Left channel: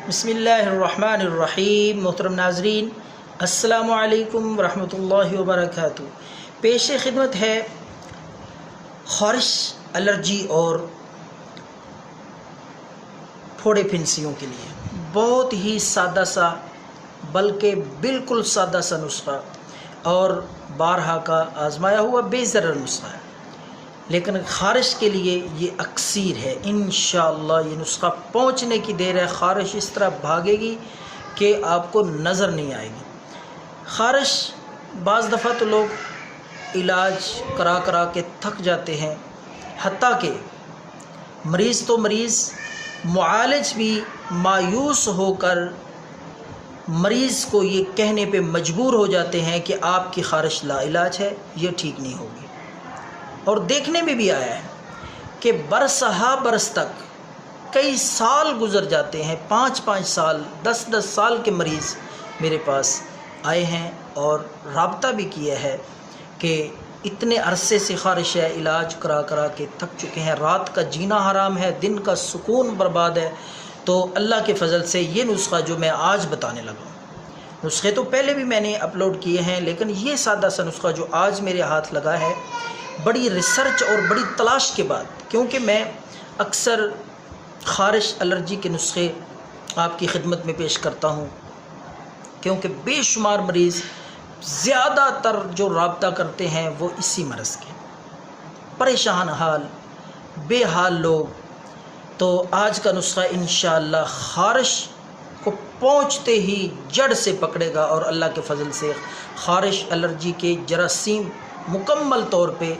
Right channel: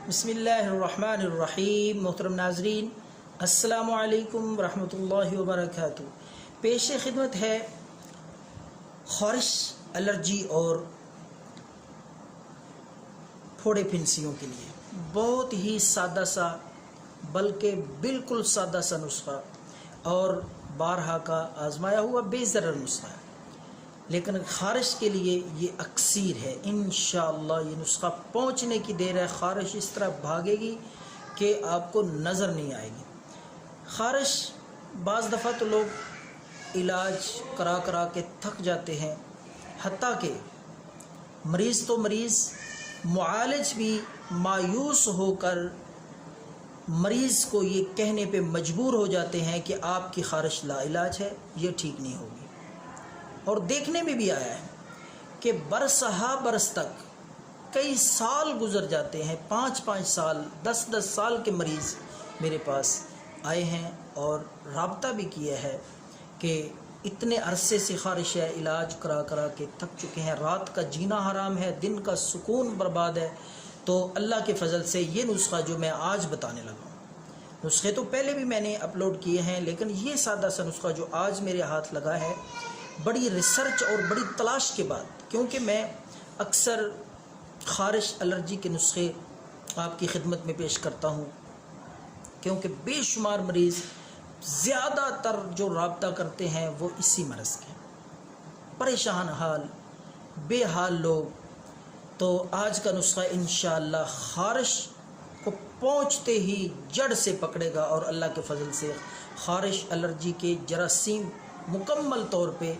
بسم اللہ الرحمن الرحیم۔ محترم ناظرین، السلام علیکم ورحمۃ اللہ وبرکاتہ۔ پیش خدمت ہے خارش، الرجی اور پھوڑے پھنسیوں کے لیے بہت ہی سادہ سا، بلکہ بالکل سادہ سا نسخہ اور بارہا کا آزمایا ہوا بے ضرر نسخہ ہے، لیکن خارش کے لیے یہ اکسیر ہے۔ انشاءاللہ یہ نسخہ پہنچنے کی دیر ہے۔ خارش اس طرح بھاگے گی کہ آپ کو نظر نہیں آئے گی۔ خارش بعض دفعہ تو لوگ علاج کرا کرا کے تھک جاتے ہیں، حتیٰ کہ مریض تو مریض، معالج بھی مایوس ہو کر مریض کو یہ کہنے پہ مجبور ہو جاتے ہیں کہ آپ کی خارش لا علاج ہے، یہ ٹھیک نہیں ہوگی۔ اور دیکھنے میں بھی آیا ہے کہ برس ہا برس تک کئی سال گزر جاتے ہیں، 5 سال 10 سال کے مریض میرے پاس آئے ہیں اور رابطہ بھی کیا ہے کہ اتنے عرصے سے خارش ہے، علاج کرا کرا کے تھک چکے ہیں، رات کا جینا حرام ہے، دن کا سکون برباد ہے۔ تو اللہ کے فضل سے یہ نسخہ جو میں آج بتانے لگا ہوں، نسخے تو پہلے بھی میں نے اپلوڈ کیے ہیں، لیکن یہ سادہ سا نسخہ جو آج میرے ہاتھ لگا ہے، بڑی ریسرچ اور بڑی تلاش کے بعد، کیونکہ میں اکثر خارش الرجی کے نسخے آپ کی خدمت میں پیش کرتا ہوں، کیونکہ بے شمار مریض زیادہ تر جو رابطہ کرتے ہیں وہ اسی مرض کے پریشان حال، بے حال لوگ۔ تو آج کا نسخہ انشاءاللہ خارش کو پہنچتے ہی جڑ سے پکڑے گا اور اللہ کے فضل سے خارش الرجی کے جراثیم مکمل طور پہ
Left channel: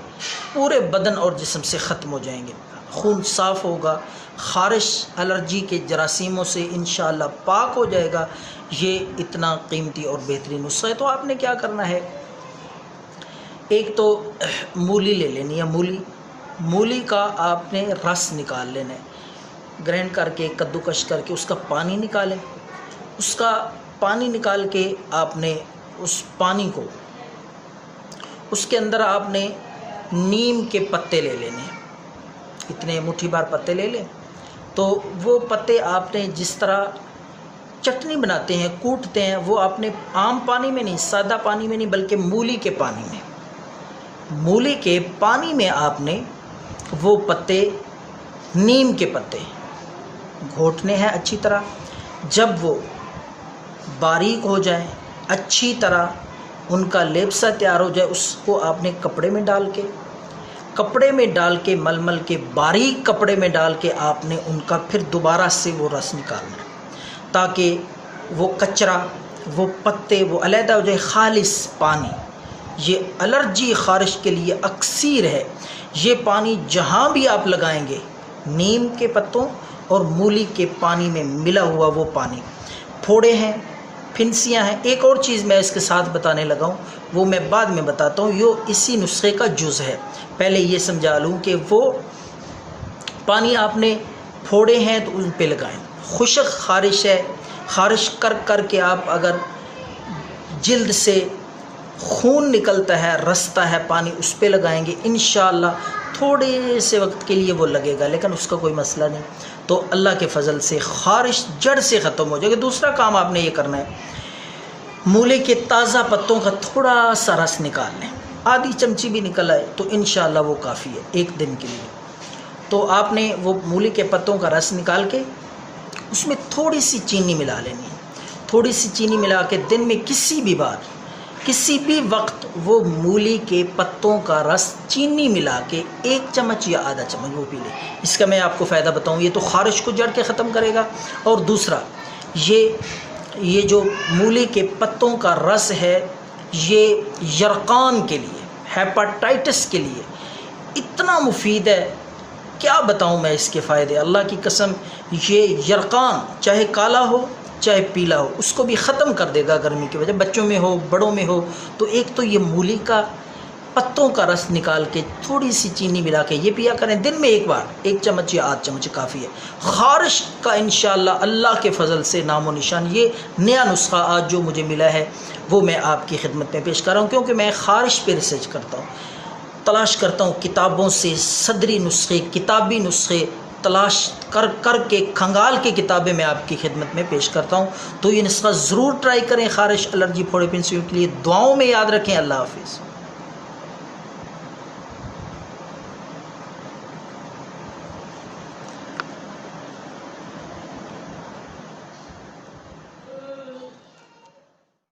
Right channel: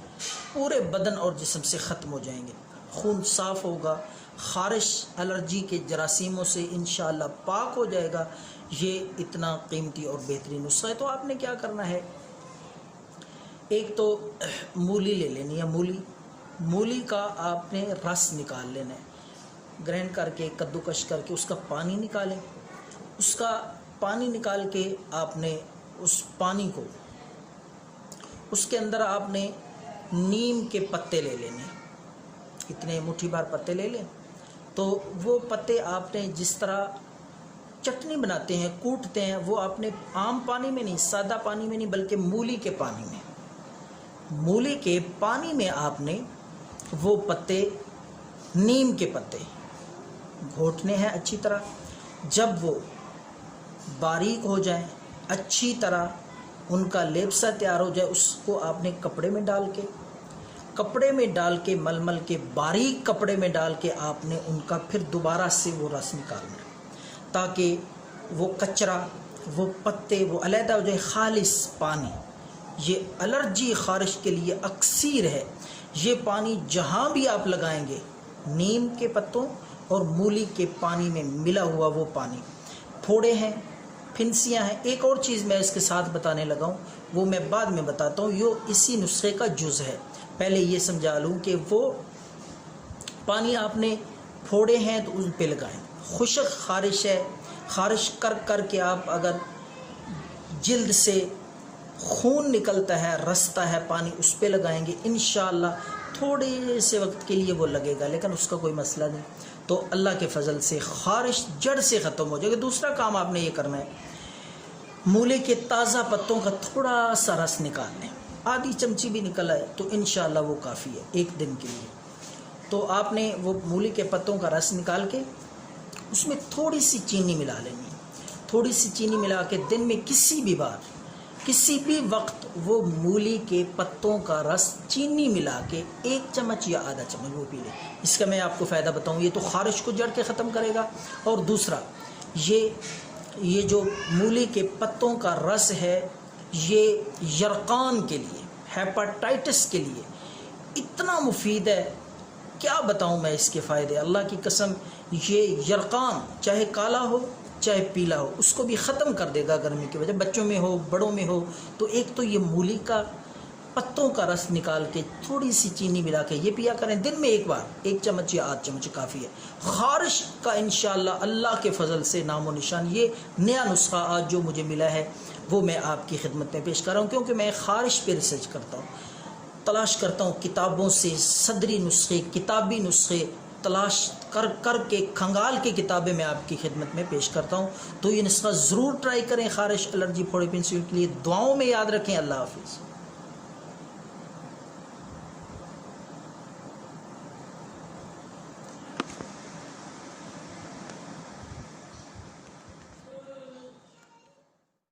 پورے بدن اور جسم سے ختم ہو جائیں گے، خون صاف ہوگا، خارش الرجی کے جراثیموں سے انشاءاللہ پاک ہو جائے گا۔ یہ اتنا قیمتی اور بہترین نسخہ ہے۔ تو آپ نے کیا کرنا ہے، ایک تو مولی لے لینی ہے، مولی کا آپ نے رس نکال لینا ہے، گرینڈ کر کے کدوکش کر کے اس کا پانی نکالیں۔ اس کا پانی نکال کے آپ نے اس پانی کو، اس کے اندر آپ نے نیم کے پتے لے لینے ہیں، اتنے مٹھی بھر پتے لے لیں۔ تو وہ پتے آپ نے جس طرح چٹنی بناتے ہیں، کوٹتے ہیں، وہ آپ نے عام پانی میں نہیں، سادہ پانی میں نہیں، بلکہ مولی کے پانی میں، مولی کے پانی میں آپ نے وہ پتے، نیم کے پتے گھوٹنے ہیں اچھی طرح۔ جب وہ باریک ہو جائیں، اچھی طرح ان کا لیپسا تیار ہو جائے، اس کو آپ نے کپڑے میں ڈال کے مل کے باریک کپڑے میں ڈال کے آپ نے ان کا پھر دوبارہ سے وہ رس نکالنا ہے، تاکہ وہ کچرا، وہ پتے، وہ علیحدہ ہو جائے۔ خالص پانی، یہ الرجی خارش کے لیے اکسیر ہے۔ یہ پانی جہاں بھی آپ لگائیں گے، نیم کے پتوں اور مولی کے پانی میں ملا ہوا وہ پانی، پھوڑے ہیں، پھنسیاں ہیں۔ ایک اور چیز میں اس کے ساتھ بتانے لگا ہوں، وہ میں بعد میں بتاتا ہوں، یہ اسی نسخے کا جز ہے۔ پہلے یہ سمجھا لوں کہ وہ پانی آپ نے پھوڑے ہیں تو ان پہ لگائیں۔ خشک خارش ہے، خارش کر کے آپ اگر جلد سے خون نکلتا ہے، رستا ہے پانی، اس پہ لگائیں گے، انشاءاللہ تھوڑے سے وقت کے لیے وہ لگے گا، لیکن اس کا کوئی مسئلہ نہیں۔ تو اللہ کے فضل سے خارش جڑ سے ختم ہو جائے گا۔ دوسرا کام آپ نے یہ کرنا ہے، مولی کے تازہ پتوں کا تھوڑا سا رس نکال لیں، آدھی چمچی بھی نکل آئے تو انشاءاللہ وہ کافی ہے ایک دن کے لیے۔ تو آپ نے وہ مولی کے پتوں کا رس نکال کے اس میں تھوڑی سی چینی ملا لینی ہے، تھوڑی سی چینی ملا کے دن میں کسی بھی بار، کسی بھی وقت وہ مولی کے پتوں کا رس چینی ملا کے 1 چمچ یا آدھا چمچ وہ پی لیں۔ اس کا میں آپ کو فائدہ بتاؤں، یہ تو خارش کو جڑ کے ختم کرے گا، اور دوسرا یہ جو مولی کے پتوں کا رس ہے، یہ یرقان کے لیے، ہیپاٹائٹس کے لیے اتنا مفید ہے، کیا بتاؤں میں اس کے فائدے، اللہ کی قسم۔ یہ یرقان چاہے کالا ہو چاہے پیلا ہو، اس کو بھی ختم کر دے گا گرمی کی وجہ، بچوں میں ہو بڑوں میں ہو۔ تو ایک تو یہ مولی کا پتوں کا رس نکال کے تھوڑی سی چینی ملا کے یہ پیا کریں، دن میں ایک بار 1 چمچ یا آدھ چمچ کافی ہے۔ خارش کا انشاءاللہ اللہ کے فضل سے نام و نشان، یہ نیا نسخہ آج جو مجھے ملا ہے وہ میں آپ کی خدمت میں پیش کر رہا ہوں، کیونکہ میں خارش پہ ریسرچ کرتا ہوں، تلاش کرتا ہوں کتابوں سے صدری نسخے، کتابی نسخے، تلاش کر کے کھنگال کے کتابیں میں آپ کی خدمت میں پیش کرتا ہوں. تو یہ نسخہ ضرور ٹرائی کریں خارش الرجی پھوڑے پھنسیوں کے لیے. دعاؤں میں یاد رکھیں. اللہ حافظ.